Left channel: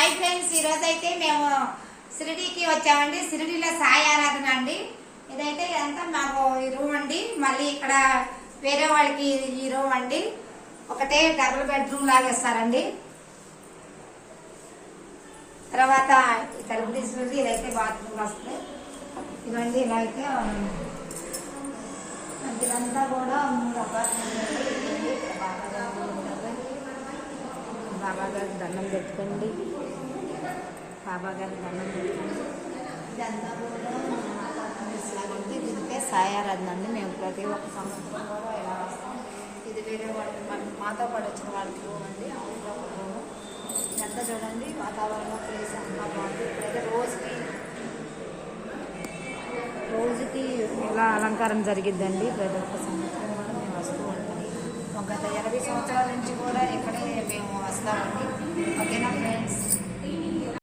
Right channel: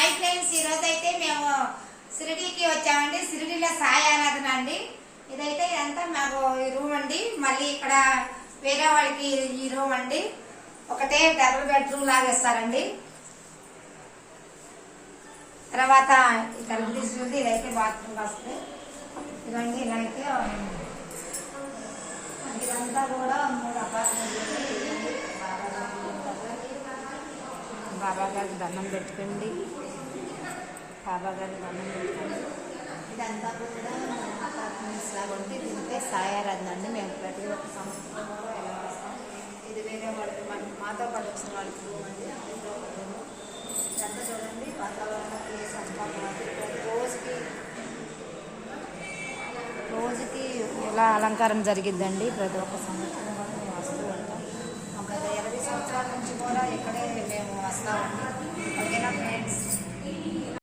Hi friends, ఈరోజు అయితే మేము షిరిడీకి వచ్చామండి. షిరిడీలో సాయి ఆరాధన అండి. ఇదైతే ఇదంతా మాకు ఈ రూమ్ అండి. మళ్ళీ ఇక్కడ వేరే వాళ్ళకి ఈ రూమ్ అండి. ఒకటే డబుల్ బెడ్రూమ్ లాగా ఇస్తారండి. తర్వాత తలుపు తీసుకుంటే ఇదైతే బాత్రూమ్ వస్తుంది. ఇదండి ఇలా అయితే ఇదంతా కూడా 3 అపార్ట్మెంట్లు. బాబా గారికి దండం పెట్టుకోండి. బాబా గారికి దండం పెట్టుకోండి. ఇదంతా కూడా దీనిపై సాయి ఆరాధన అండి. మేము ప్రతి ఒక్క సంవత్సరం కూడా ఎలా వస్తాం. ఇది వేరే వాళ్ళకి మాతో పాటు వచ్చిన వాళ్ళకి రూమ్ అండి. రూము ఇదంతా చూడండి, వాతావరణం ప్లేస్ అంతా బాగుంది. ఇప్పుడైతే రోజుకి ఇలా అలంకారం జరిగిద్దండి. ప్రతి ఒక్క సంవత్సరం కూడా మేము వస్తూ ఉంటాం. గత 20 సంవత్సరాల నుంచి కూడా ఇక్కడే మేము వస్తామండి.